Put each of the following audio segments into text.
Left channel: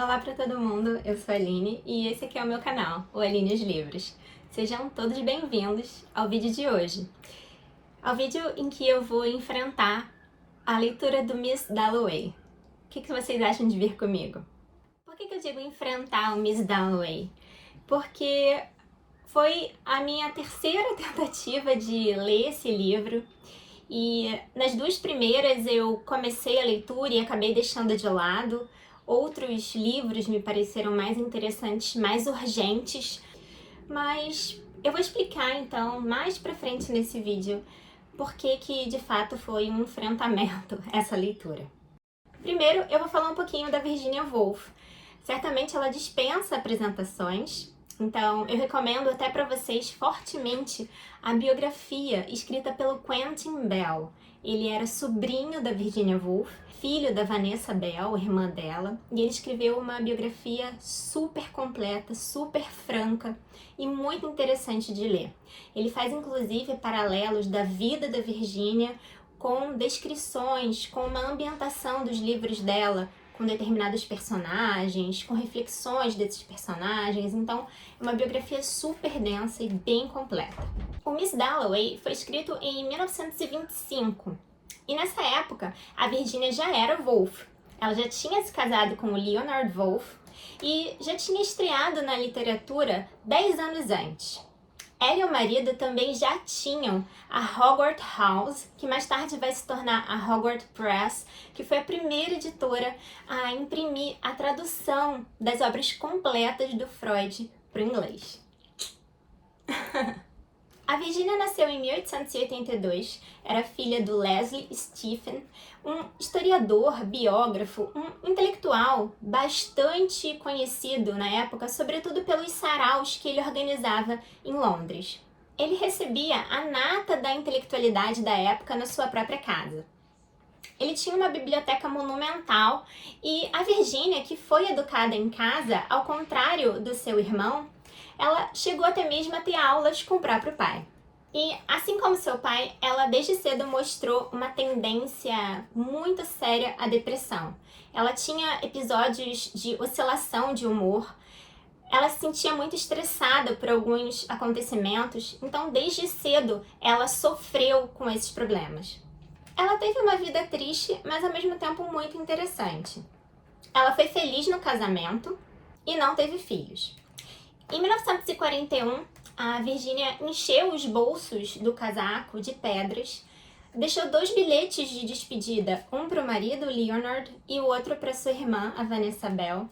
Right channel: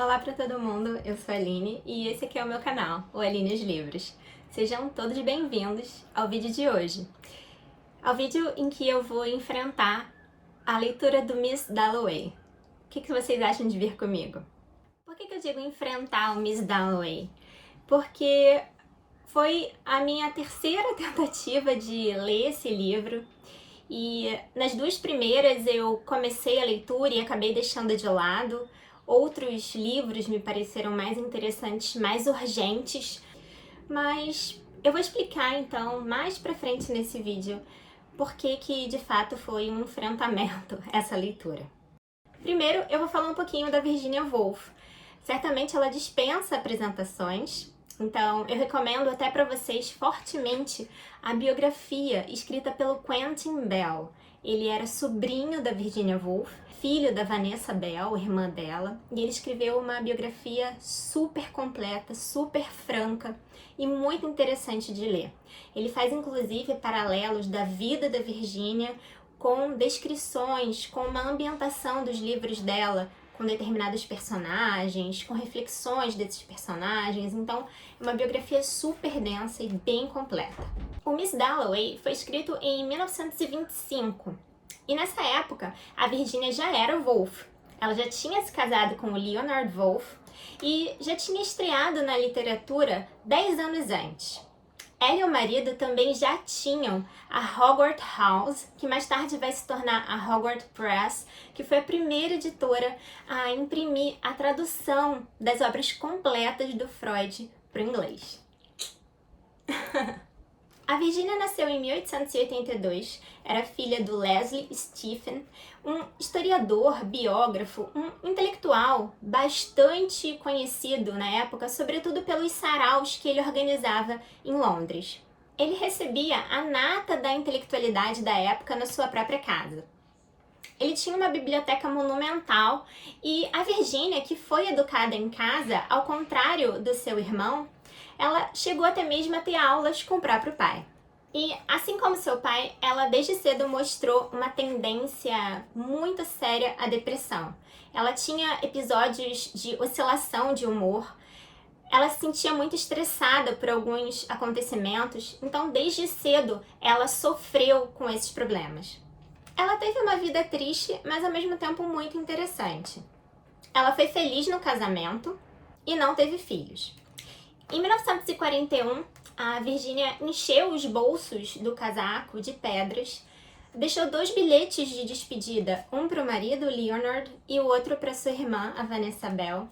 Olá para todo mundo, eu sou a Aline e esse aqui é o meu canal, o Aline os Livros. Sejam todos bem-vindos ao vídeo de hoje. Ao vídeo em que eu vou enfrentar a leitura do Miss Dalloway. O que vocês acham de vir comigo? Por que eu digo enfrentar o Miss Dalloway? Porque foi a minha terceira tentativa de ler esse livro e nas duas primeiras eu comecei a leitura e acabei deixando de lado. Outros livros me pareceram mais interessantes, mais urgentes, mas eu vou explicar então mais pra frente nesse vídeo por que de fato foi um enfrentamento essa leitura. Primeiro eu vou falar um pouquinho da Virginia Woolf. Certamente ela dispensa apresentações, então eu recomendo até para vocês fortemente a biografia escrita pelo Quentin Bell. Ele era sobrinho da Virginia Woolf, filho da Vanessa Bell, irmã dela, e ele escreveu uma biografia super completa, super franca e muito interessante de ler. Ele faz inclusive paralelos da vida da Virginia com descrições, com uma ambientação dos livros dela, com determinados personagens, com reflexões desses personagens, então é uma biografia super densa e bem completa. O Miss Dalloway foi escrito em 1925, e nessa época a Virginia já era Woolf. Ela já tinha se casado com o Leonard Woolf e já tinha estreado na literatura 10 anos antes. Ela e o marido também já tinham a Hogarth House, que mais tarde vai se tornar a Hogarth Press, que foi a primeira editora a imprimir a tradução das obras completas do Freud para o inglês. A Virginia nasceu em 1882, era filha do Leslie Stephen, um historiador, biógrafo, um intelectual bastante conhecido na época, sobretudo pelos saraus que ele organizava em Londres. Ele recebia a nata da intelectualidade da época na sua própria casa. Ele tinha uma biblioteca monumental e a Virginia, que foi educada em casa, ao contrário do seu irmão, ela chegou até mesmo a ter aulas com o próprio pai. E, assim como seu pai, ela desde cedo mostrou uma tendência muito séria à depressão. Ela tinha episódios de oscilação de humor, ela se sentia muito estressada por alguns acontecimentos, então desde cedo ela sofreu com esses problemas. Ela teve uma vida triste, mas ao mesmo tempo muito interessante. Ela foi feliz no casamento e não teve filhos. Em 1941, a Virginia encheu os bolsos do casaco de pedras, deixou 2 bilhetes de despedida, um para o marido, Leonard, e o outro para sua irmã, a Vanessa Bell,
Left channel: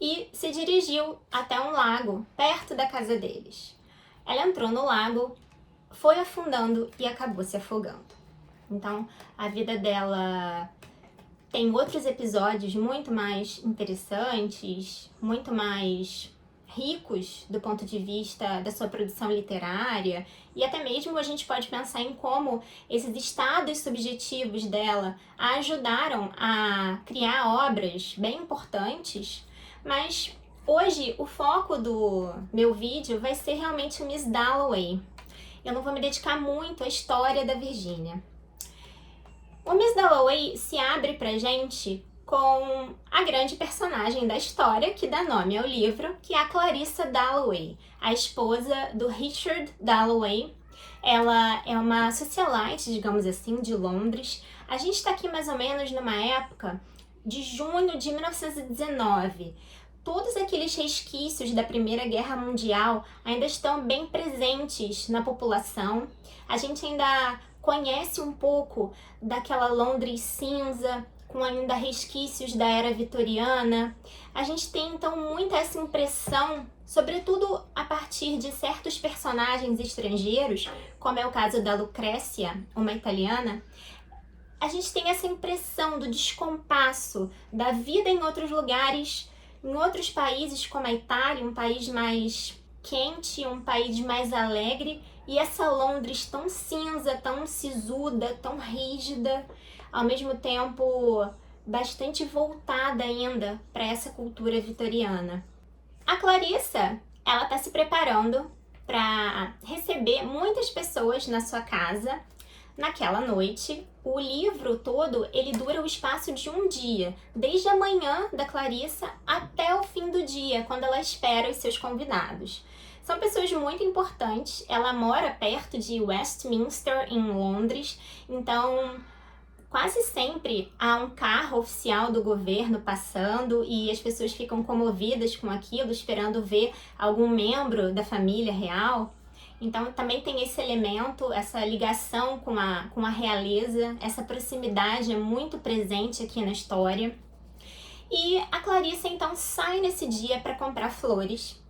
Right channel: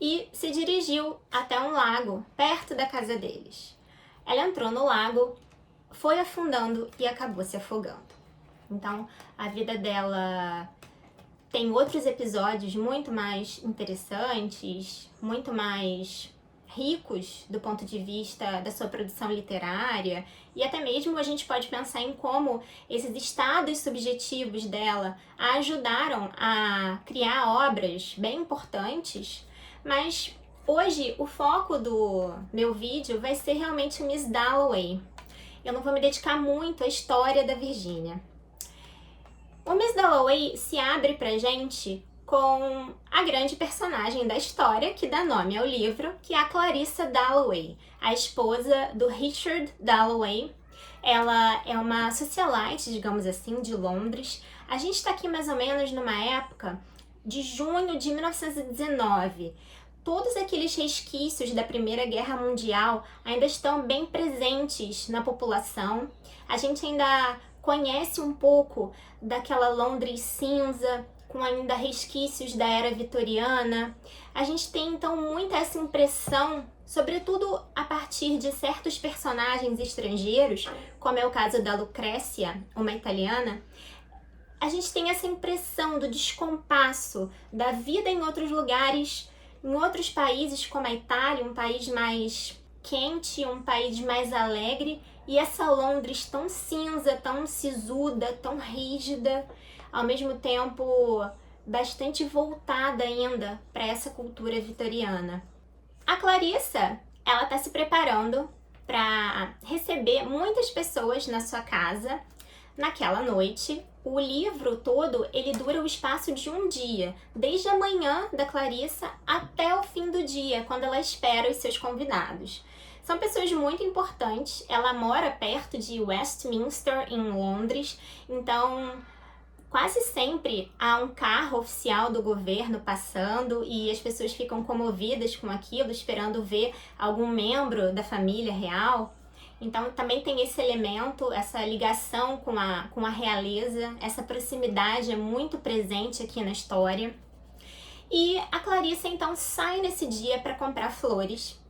e se dirigiu até um lago perto da casa deles. Ela entrou no lago, foi afundando e acabou se afogando. Então, a vida dela tem outros episódios muito mais interessantes, muito mais ricos do ponto de vista da sua produção literária, e até mesmo a gente pode pensar em como esses estados subjetivos dela a ajudaram a criar obras bem importantes, mas hoje o foco do meu vídeo vai ser realmente o Miss Dalloway. Eu não vou me dedicar muito à história da Virginia. O Miss Dalloway se abre pra gente com a grande personagem da história, que dá nome ao livro, que é a Clarissa Dalloway, a esposa do Richard Dalloway. Ela é uma socialite, digamos assim, de Londres. A gente está aqui mais ou menos numa época de junho de 1919. Todos aqueles resquícios da Primeira Guerra Mundial ainda estão bem presentes na população. A gente ainda conhece um pouco daquela Londres cinza, com ainda resquícios da era vitoriana. A gente tem então muita essa impressão, sobretudo a partir de certos personagens estrangeiros, como é o caso da Lucrécia, uma italiana. A gente tem essa impressão do descompasso da vida em outros lugares, em outros países como a Itália, um país mais quente, um país mais alegre, e essa Londres tão cinza, tão sisuda, tão rígida, ao mesmo tempo bastante voltada ainda para essa cultura vitoriana. A Clarissa, ela está se preparando para receber muitas pessoas na sua casa naquela noite. O livro todo, ele dura o espaço de um dia, desde a manhã da Clarissa até o fim do dia, quando ela espera os seus convidados. São pessoas muito importantes. Ela mora perto de Westminster, em Londres, então quase sempre há um carro oficial do governo passando e as pessoas ficam comovidas com aquilo, esperando ver algum membro da família real. Então também tem esse elemento, essa ligação com a realeza, essa proximidade é muito presente aqui na história. E a Clarissa então sai nesse dia para comprar flores.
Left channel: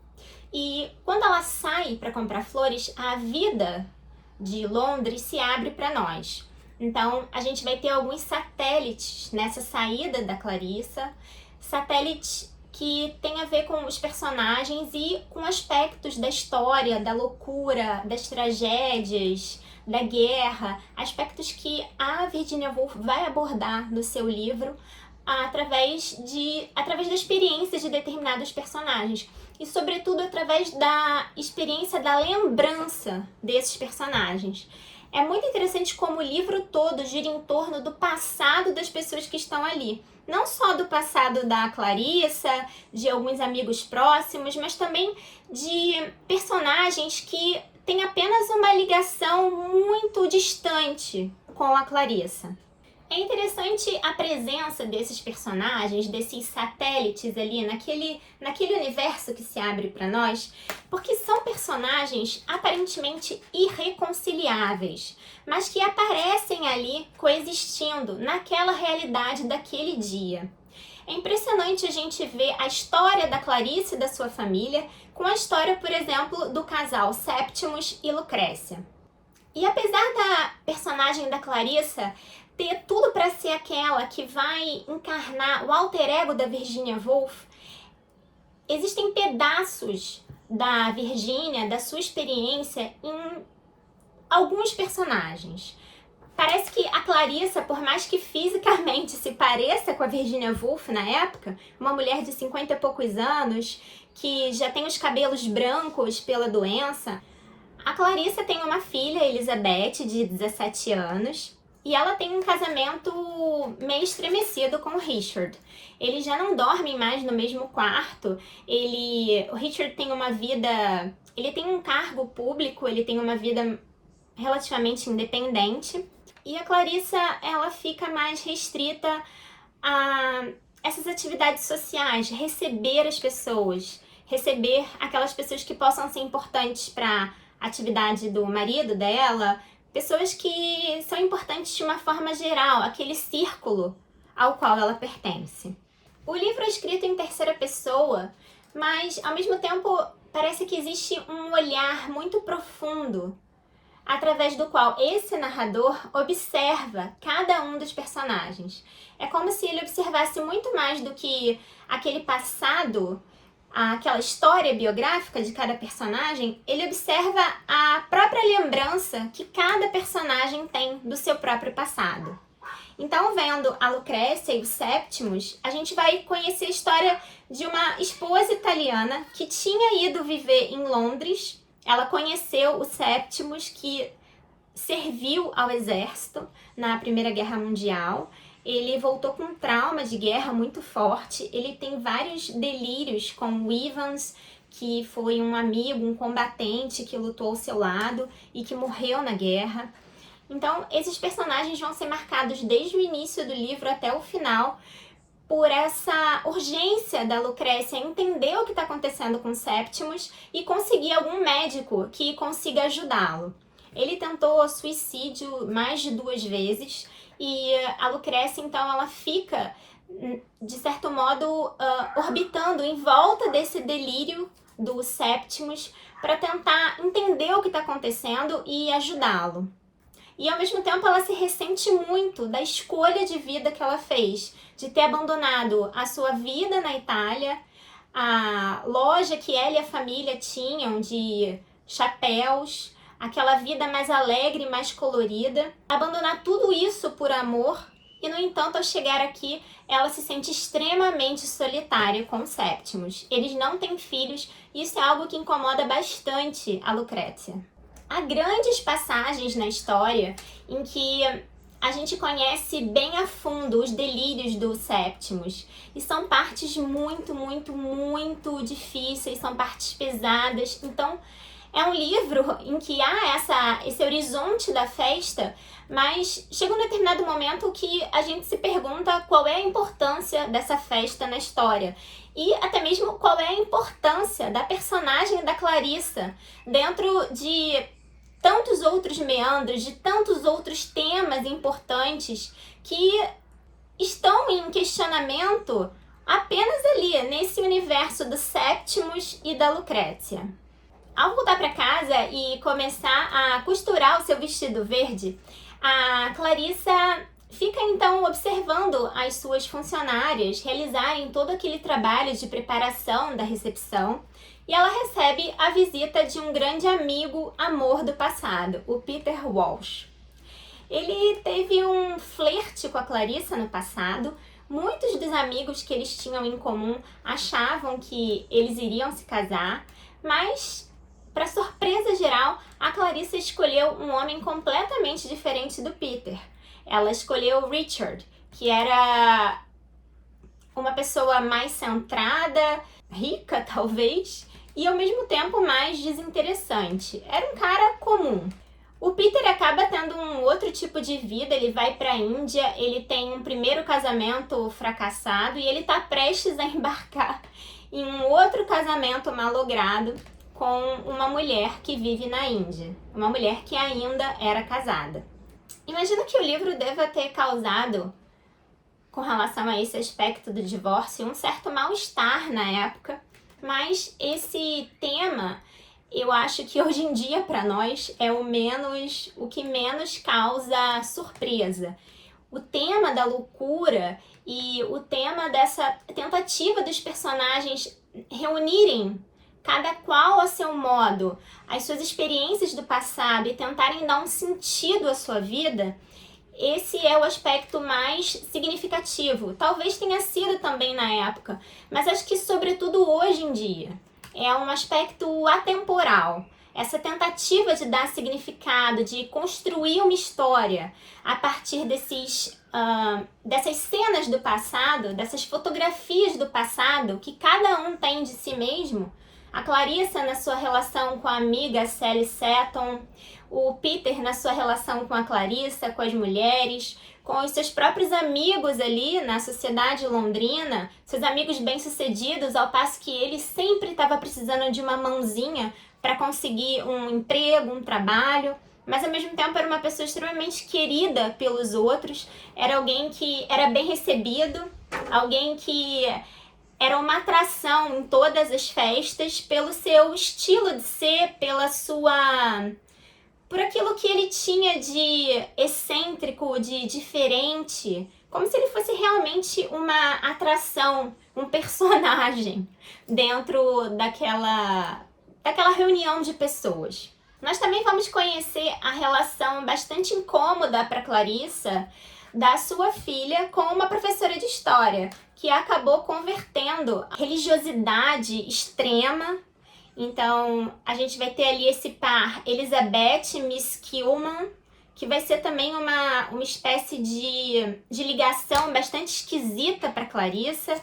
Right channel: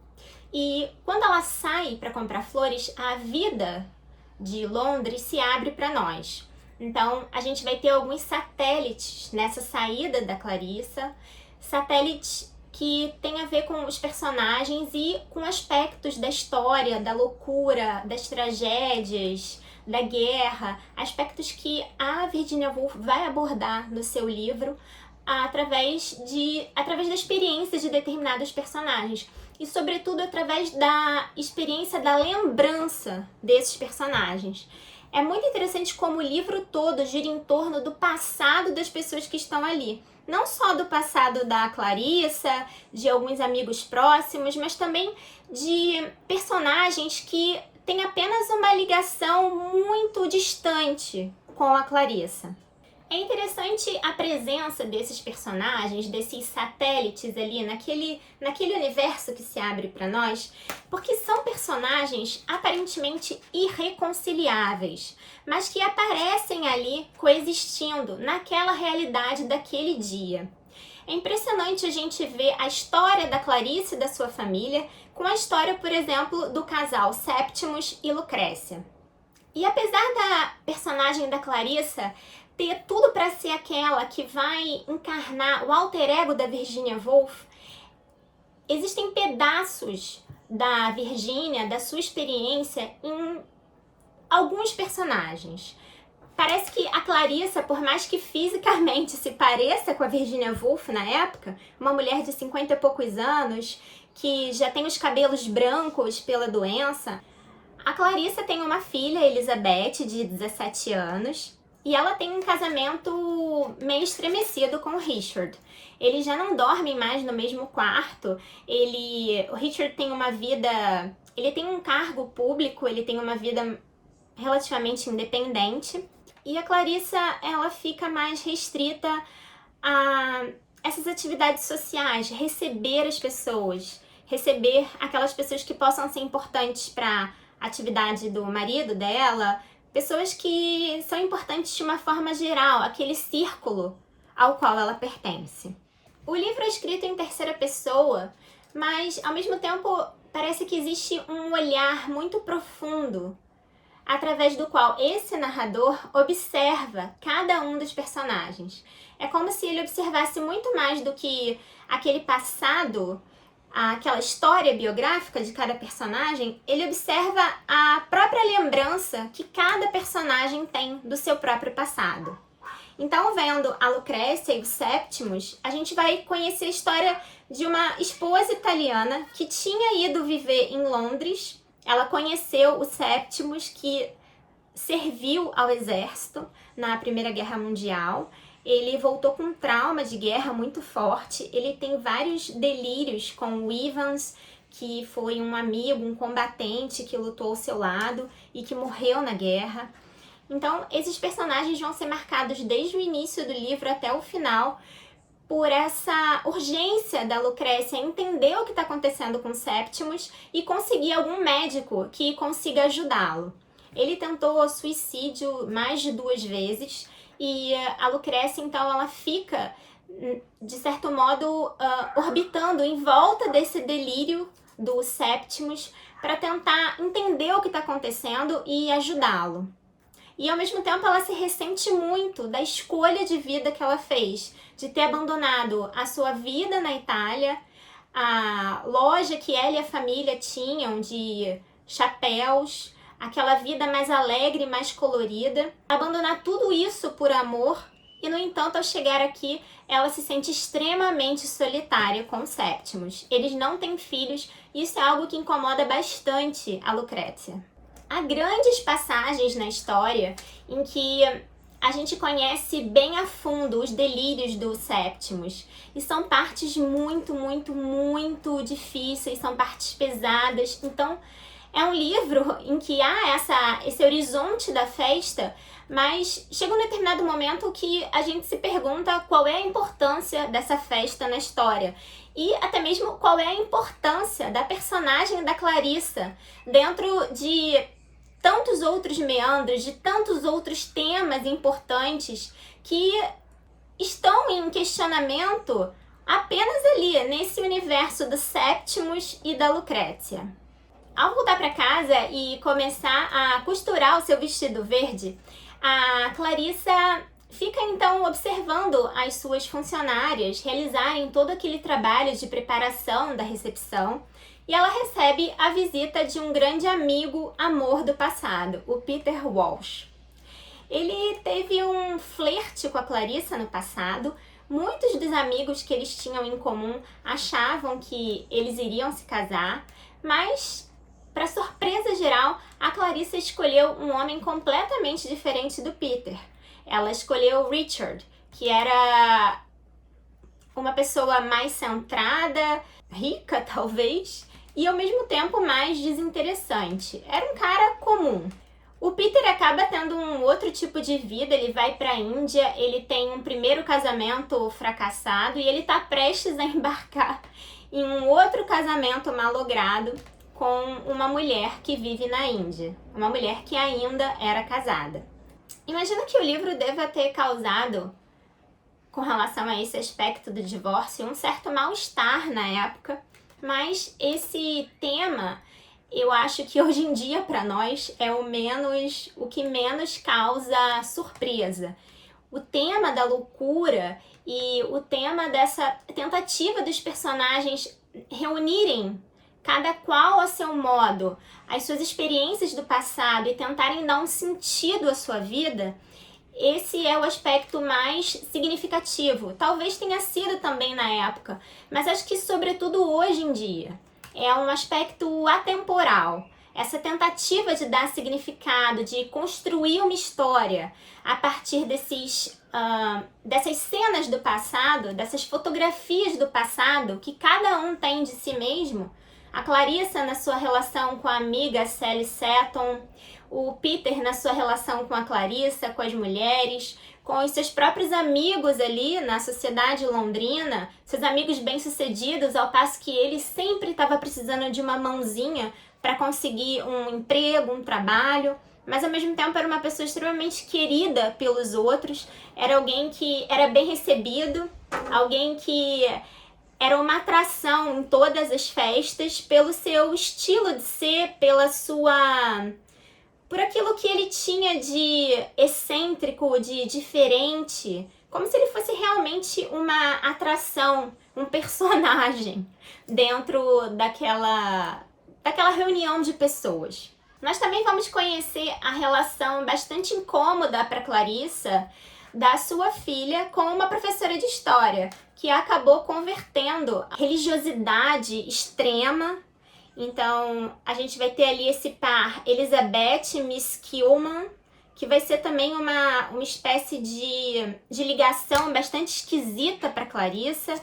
E quando ela sai para comprar flores, a vida de Londres se abre para nós. Então a gente vai ter alguns satélites nessa saída da Clarissa, satélites que tem a ver com os personagens e com aspectos da história, da loucura, das tragédias, da guerra, aspectos que a Virginia Woolf vai abordar no seu livro através da experiência de determinados personagens e, sobretudo, através da experiência da lembrança desses personagens. É muito interessante como o livro todo gira em torno do passado das pessoas que estão ali. Não só do passado da Clarissa, de alguns amigos próximos, mas também de personagens que têm apenas uma ligação muito distante com a Clarissa. É interessante a presença desses personagens, desses satélites ali naquele universo que se abre para nós, porque são personagens aparentemente irreconciliáveis, mas que aparecem ali coexistindo naquela realidade daquele dia. É impressionante a gente ver a história da Clarice e da sua família com a história, por exemplo, do casal Septimus e Lucrécia. E apesar da personagem da Clarissa ter tudo para ser aquela que vai encarnar o alter ego da Virginia Woolf, existem pedaços da Virginia, da sua experiência, em alguns personagens. Parece que a Clarissa, por mais que fisicamente se pareça com a Virginia Woolf na época, uma mulher de 50 e poucos anos, que já tem os cabelos brancos pela doença, a Clarissa tem uma filha, Elizabeth, de 17 anos, e ela tem um casamento meio estremecido com o Richard. Eles já não dormem mais no mesmo quarto. O Richard tem uma vida... Ele tem um cargo público, ele tem uma vida relativamente independente. E a Clarissa, ela fica mais restrita a essas atividades sociais, receber as pessoas, receber aquelas pessoas que possam ser importantes para a atividade do marido dela, pessoas que são importantes de uma forma geral, aquele círculo ao qual ela pertence. O livro é escrito em terceira pessoa, mas ao mesmo tempo parece que existe um olhar muito profundo, através do qual esse narrador observa cada um dos personagens. É como se ele observasse muito mais do que aquele passado, aquela história biográfica de cada personagem, ele observa a própria lembrança que cada personagem tem do seu próprio passado. Então, vendo a Lucrécia e o Septimus, a gente vai conhecer a história de uma esposa italiana que tinha ido viver em Londres. Ela conheceu o Septimus, que serviu ao exército na Primeira Guerra Mundial. Ele voltou com um trauma de guerra muito forte. Ele tem vários delírios com o Evans, que foi um amigo, um combatente que lutou ao seu lado e que morreu na guerra. Então, esses personagens vão ser marcados desde o início do livro até o final por essa urgência da Lucrécia entender o que está acontecendo com Septimus e conseguir algum médico que consiga ajudá-lo. Ele tentou suicídio mais de 2 vezes e a Lucrécia, então, ela fica, de certo modo, orbitando em volta desse delírio do Septimus para tentar entender o que está acontecendo e ajudá-lo. E, ao mesmo tempo, ela se ressente muito da escolha de vida que ela fez, de ter abandonado a sua vida na Itália, a loja que ela e a família tinham de chapéus, aquela vida mais alegre, mais colorida, abandonar tudo isso por amor e, no entanto, ao chegar aqui, ela se sente extremamente solitária com o Septimus. Eles não têm filhos e isso é algo que incomoda bastante a Lucrécia. Há grandes passagens na história em que a gente conhece bem a fundo os delírios do Septimus. E são partes muito, muito, muito difíceis, são partes pesadas. Então, é um livro em que há esse horizonte da festa, mas chega um determinado momento que a gente se pergunta qual é a importância dessa festa na história. E até mesmo qual é a importância da personagem da Clarissa dentro de tantos outros meandros, de tantos outros temas importantes que estão em questionamento apenas ali, nesse universo do Septimus e da Lucrécia. Ao voltar para casa e começar a costurar o seu vestido verde, a Clarissa fica então observando as suas funcionárias realizarem todo aquele trabalho de preparação da recepção e ela recebe a visita de um grande amigo, amor do passado, o Peter Walsh. Ele teve um flerte com a Clarissa no passado. Muitos dos amigos que eles tinham em comum achavam que eles iriam se casar, mas para surpresa geral, a Clarissa escolheu um homem completamente diferente do Peter. Ela escolheu Richard, que era uma pessoa mais centrada, rica talvez, e ao mesmo tempo mais desinteressante. Era um cara comum. O Peter acaba tendo um outro tipo de vida, ele vai para a Índia, ele tem um primeiro casamento fracassado e ele está prestes a embarcar em um outro casamento malogrado com uma mulher que vive na Índia, uma mulher que ainda era casada. Imagino que o livro deva ter causado, com relação a esse aspecto do divórcio, um certo mal-estar na época, mas esse tema, eu acho que hoje em dia para nós é o que menos causa surpresa. O tema da loucura e o tema dessa tentativa dos personagens reunirem cada qual a seu modo, as suas experiências do passado e tentarem dar um sentido à sua vida, esse é o aspecto mais significativo. Talvez tenha sido também na época, mas acho que sobretudo hoje em dia. É um aspecto atemporal. Essa tentativa de dar significado, de construir uma história a partir dessas cenas do passado, dessas fotografias do passado que cada um tem de si mesmo. A Clarissa na sua relação com a amiga Sally Seton, o Peter na sua relação com a Clarissa, com as mulheres, com os seus próprios amigos ali na sociedade londrina, seus amigos bem-sucedidos, ao passo que ele sempre estava precisando de uma mãozinha para conseguir um emprego, um trabalho, mas ao mesmo tempo era uma pessoa extremamente querida pelos outros, era alguém que era bem recebido, alguém que era uma atração em todas as festas pelo seu estilo de ser, por aquilo que ele tinha de excêntrico, de diferente, como se ele fosse realmente uma atração, um personagem dentro daquela reunião de pessoas. Nós também vamos conhecer a relação bastante incômoda para Clarissa da sua filha com uma professora de história, que acabou convertendo a religiosidade extrema. Então, a gente vai ter ali esse par Elizabeth Miss Kilman, que vai ser também uma espécie de ligação bastante esquisita para Clarissa.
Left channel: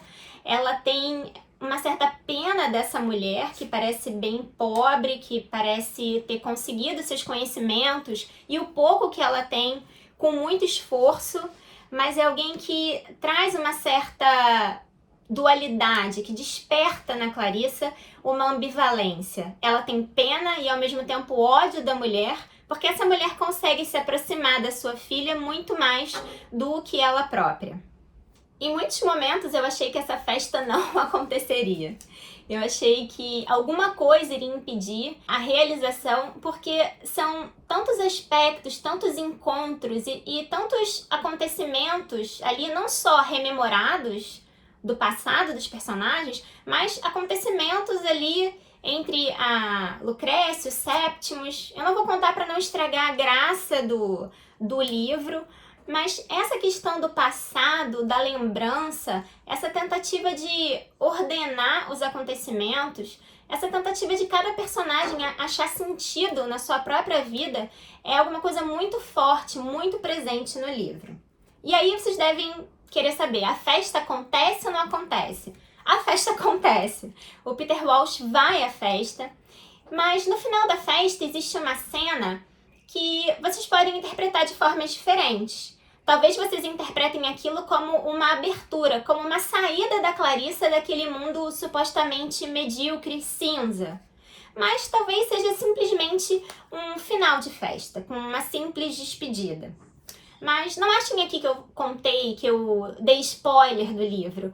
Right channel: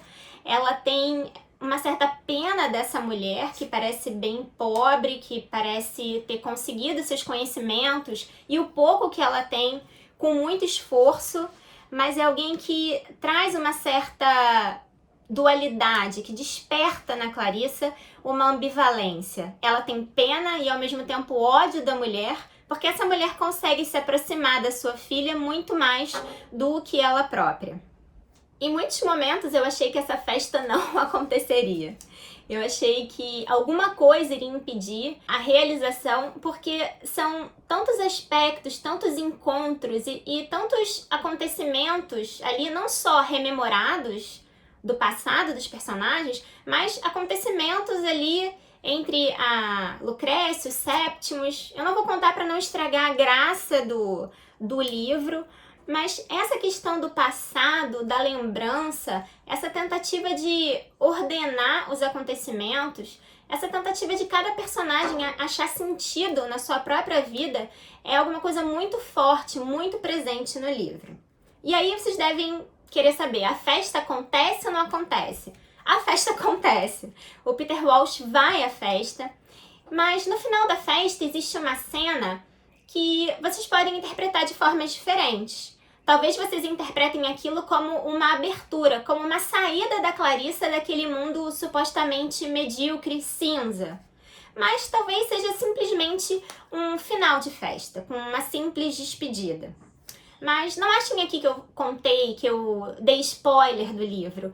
Ela tem uma certa pena dessa mulher, que parece bem pobre, que parece ter conseguido seus conhecimentos, e o pouco que ela tem com muito esforço, mas é alguém que traz uma certa dualidade, que desperta na Clarissa uma ambivalência. Ela tem pena e ao mesmo tempo ódio da mulher, porque essa mulher consegue se aproximar da sua filha muito mais do que ela própria. Em muitos momentos eu achei que essa festa não aconteceria. Eu achei que alguma coisa iria impedir a realização, porque são tantos aspectos, tantos encontros e tantos acontecimentos ali, não só rememorados do passado dos personagens, mas acontecimentos ali entre a Lucrécia, o Septimus. Eu não vou contar para não estragar a graça do livro, Mas essa questão do passado, da lembrança, essa tentativa de ordenar os acontecimentos, essa tentativa de cada personagem achar sentido na sua própria vida, é alguma coisa muito forte, muito presente no livro. E aí vocês devem querer saber, a festa acontece ou não acontece? A festa acontece. O Peter Walsh vai à festa, mas no final da festa existe uma cena que vocês podem interpretar de formas diferentes. Talvez vocês interpretem aquilo como uma abertura, como uma saída da Clarissa daquele mundo supostamente medíocre, cinza. Mas talvez seja simplesmente um final de festa, com uma simples despedida. Mas não achem aqui que eu contei, que eu dei spoiler do livro.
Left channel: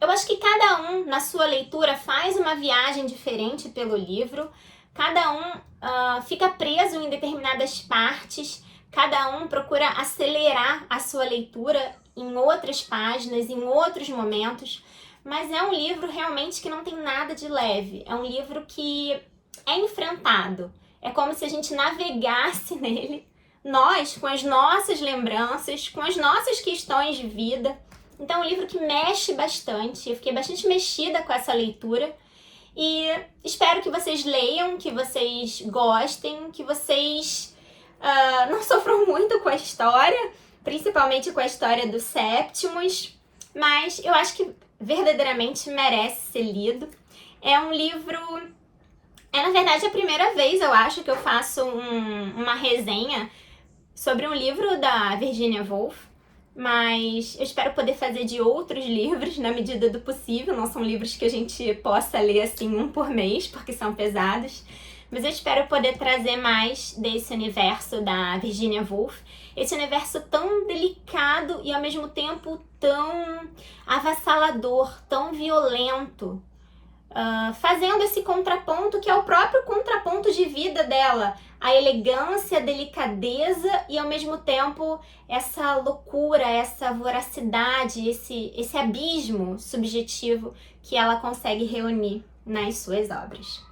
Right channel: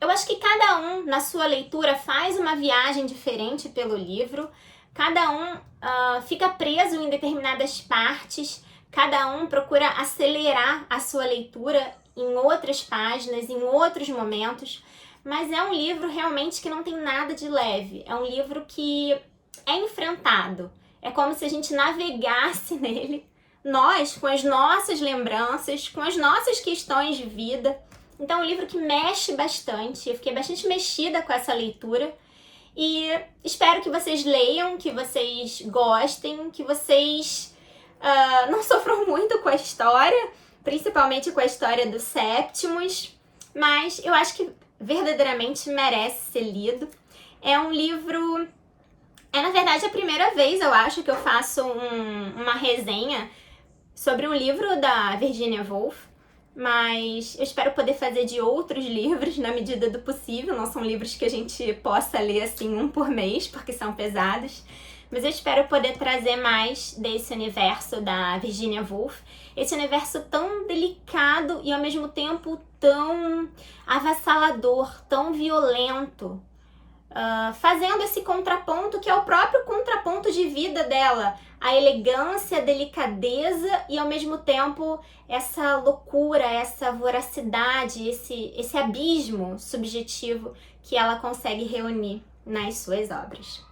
Eu acho que cada um, na sua leitura, faz uma viagem diferente pelo livro. Cada um fica preso em determinadas partes. Cada um procura acelerar a sua leitura em outras páginas, em outros momentos. Mas é um livro realmente que não tem nada de leve. É um livro que é enfrentado. É como se a gente navegasse nele, nós, com as nossas lembranças, com as nossas questões de vida. Então é um livro que mexe bastante. Eu fiquei bastante mexida com essa leitura. E espero que vocês leiam, que vocês gostem, que vocês não sofram muito com a história, principalmente com a história do Septimus, mas eu acho que verdadeiramente merece ser lido. É um livro... na verdade, a primeira vez, eu acho, que eu faço uma resenha sobre um livro da Virginia Woolf, mas eu espero poder fazer de outros livros na medida do possível. Não são livros que a gente possa ler assim um por mês, porque são pesados. Mas eu espero poder trazer mais desse universo da Virginia Woolf. Esse universo tão delicado e ao mesmo tempo tão avassalador, tão violento. Fazendo esse contraponto que é o próprio contraponto de vida dela. A elegância, a delicadeza e ao mesmo tempo essa loucura, essa voracidade, esse abismo subjetivo que ela consegue reunir nas suas obras.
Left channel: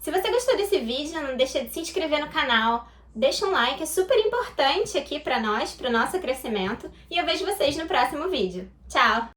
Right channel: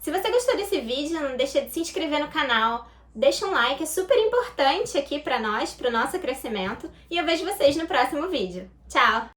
Se você gostou desse vídeo, não deixa de se inscrever no canal, deixa um like, é super importante aqui para nós, para o nosso crescimento, e eu vejo vocês no próximo vídeo. Tchau!